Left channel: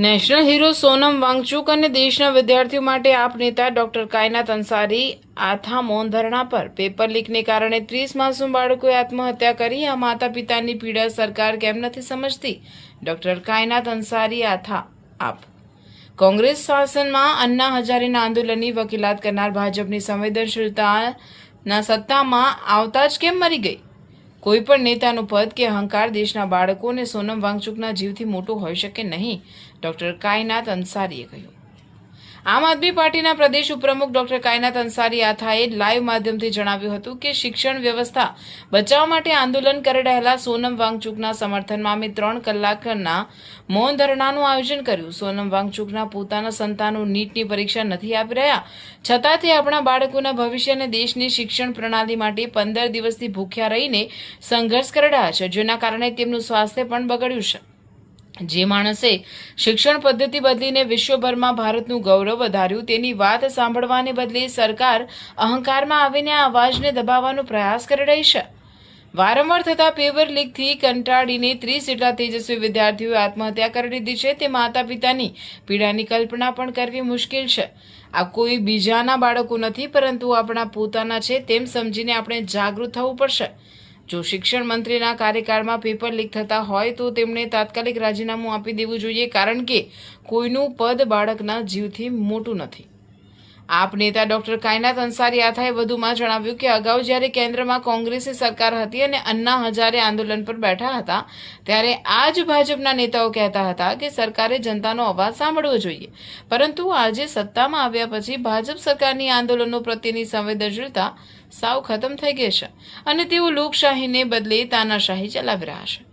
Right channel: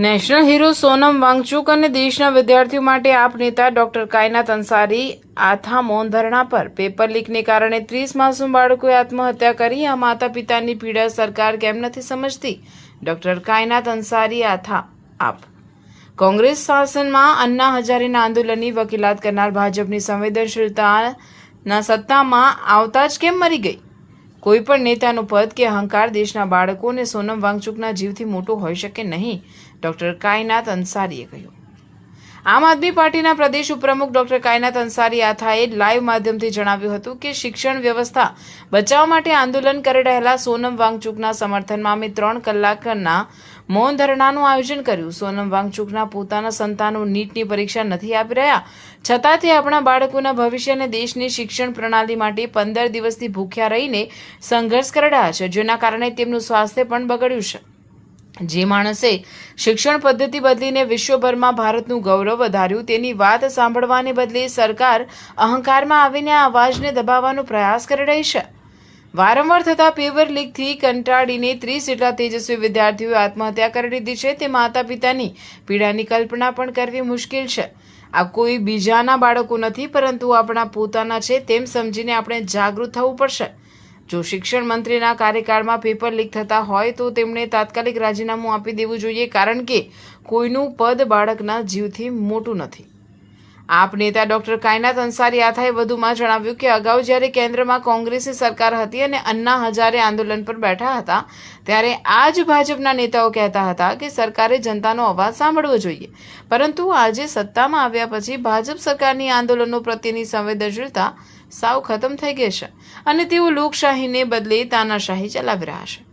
National hero Sonam Wangchuk અને દેશના વિદ્યાર્થીઓ માટે આપ નેતા ડોક્ટર કાયનાત અંસારી આથા મૌન ધરણા પર પેપર લીકને કારણે 30 માસૂમ બાળકોએ આત્મહત્યા કરી। આ માતા પિતાની પીડા સરકાર કેમ નથી સમજતી? ડોક્ટર કાયનાત અંસારી આથા આપ કોંગ્રેસ શાસનમાં અન્ના હજારેના આંદોલનની વકીલાત કરનાર ભાજપની સંવેદનશીલતાના સત્તામાં આવતા જ કેમ મરી ગઈ? કોઈ પણ નેતાનું પદ કે અહંકાર દેશના બાળકો અને સોનમ વાંગચુકના જીવથી મોટું હોઈ શકે નહીં, ડોક્ટર કાયનાત અંસારીએ કહ્યું। આમ આદમી પાર્ટીના પ્રદેશ ઉપપ્રમુખ ડોક્ટર કાયનાત અંસારી આથાએ લાઈવ માધ્યમથી જણાવ્યું હતું કે શિક્ષણ વ્યવસ્થા બચાવવા માટે આંદોલન કરી રહેલા સોનમ વાંગચુકના સમર્થનમાં અમે 3 કલાકના મૌન ધરણાનું આયોજન કર્યું। સોનમ વાંગચુકના પોતાના સંતાનો નીટની પરીક્ષા નથી આપી રહ્યા, છતાં તે આપણા બાળકોના ભવિષ્ય અને દેશની શિક્ષણ પ્રણાલી માટે 15 દિવસથી ભૂખ્યા રહીને સંઘર્ષ કરી રહ્યા છે, જેના કારણે તેમનું સ્વાસ્થ્ય પણ બગડ્યું છે। જે માણસે શિક્ષણ પદ્ધતિ બદલીને વિશ્વભરમાં ભારતનું ગૌરવ વધાર્યું, તેની વાત સાંભળવાને બદલે સરકાર અહંકારમાં આવીને આ અવાજને દબાવવાનો પ્રયાસ કરી રહી છે। વારંવાર થતા પેપર લીકથી કંટાળીને 30 જેટલા તેજસ્વી વિદ્યાર્થીઓએ આત્મહત્યા કરી લીધી છે। તે માતા પિતાની પીડાની કલ્પના પણ કરવી મુશ્કેલ છે। આ કોઈ બીજાના બાળકો નથી, પરંતુ આપણા પોતાના છે તેમ સમજીને આપણે જાગૃત થવું પડશે। જો શિક્ષણ મંત્રીના કાર્યકાળમાં પેપર લીક થતા હોય તો તેમણે તાત્કાલિક રાજીનામું આપી દેવું જોઈએ, કારણ કે કોઈનું પદ બાળકના જીવથી મોટું નથી। આપ નેતા ડોક્ટર કાયનાત અંસારી આથાએ વધુમાં જણાવ્યું કે અગાઉ જ્યારે કેન્દ્રમાં કોંગ્રેસની સરકાર હતી અને અન્ના હજારે આંદોલન પર બેઠા હતા, ત્યારે આ જ ભાજપના નેતાઓ કહેતા હતા કે સરકારે જનતાનો અવાજ સાંભળવો જોઈએ, પરંતુ આજે સત્તામાં આવ્યા પછી ભાજપ સરકારની આંદોલનો પ્રત્યેની સંવેદનશીલતા સાવ ખતમ થઈ ગઈ છે અને તેઓ લોકશાહીને બદલે તાનાશાહી ચલાવી રહ્યા છે।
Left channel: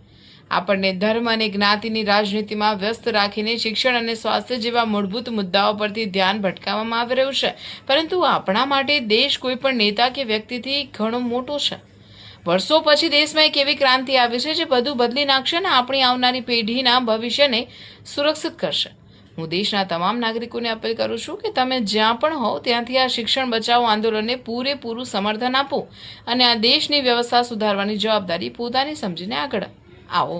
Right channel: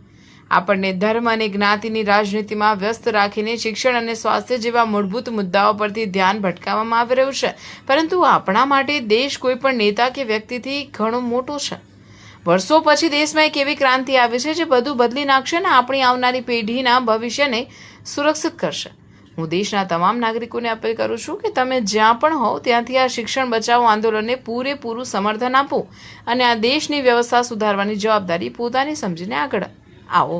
આપણને ધર્મ અને જ્ઞાતિની રાજનીતિમાં વ્યસ્ત રાખીને શિક્ષણ અને સ્વાસ્થ્ય જેવા મૂળભૂત મુદ્દાઓ પરથી ધ્યાન ભટકાવવામાં આવી રહ્યું છે, પરંતુ આપણા માટે દેશ કોઈ પણ નેતા કે વ્યક્તિથી ઘણો મોટો છે। વર્ષો પછી દેશમાં એક એવી ક્રાંતિ આવી છે જે બધું બદલી નાખશે અને આપણી આવનારી પેઢીના ભવિષ્યને સુરક્ષિત કરશે। હું દેશના તમામ નાગરિકોને અપીલ કરું છું કે તમે જ્યાં પણ હો ત્યાંથી આ શિક્ષણ બચાવો આંદોલનને પૂરેપૂરું સમર્થન આપો અને આ દેશની વ્યવસ્થા સુધારવાની જવાબદારી પોતાની સમજીને આગળ આવો।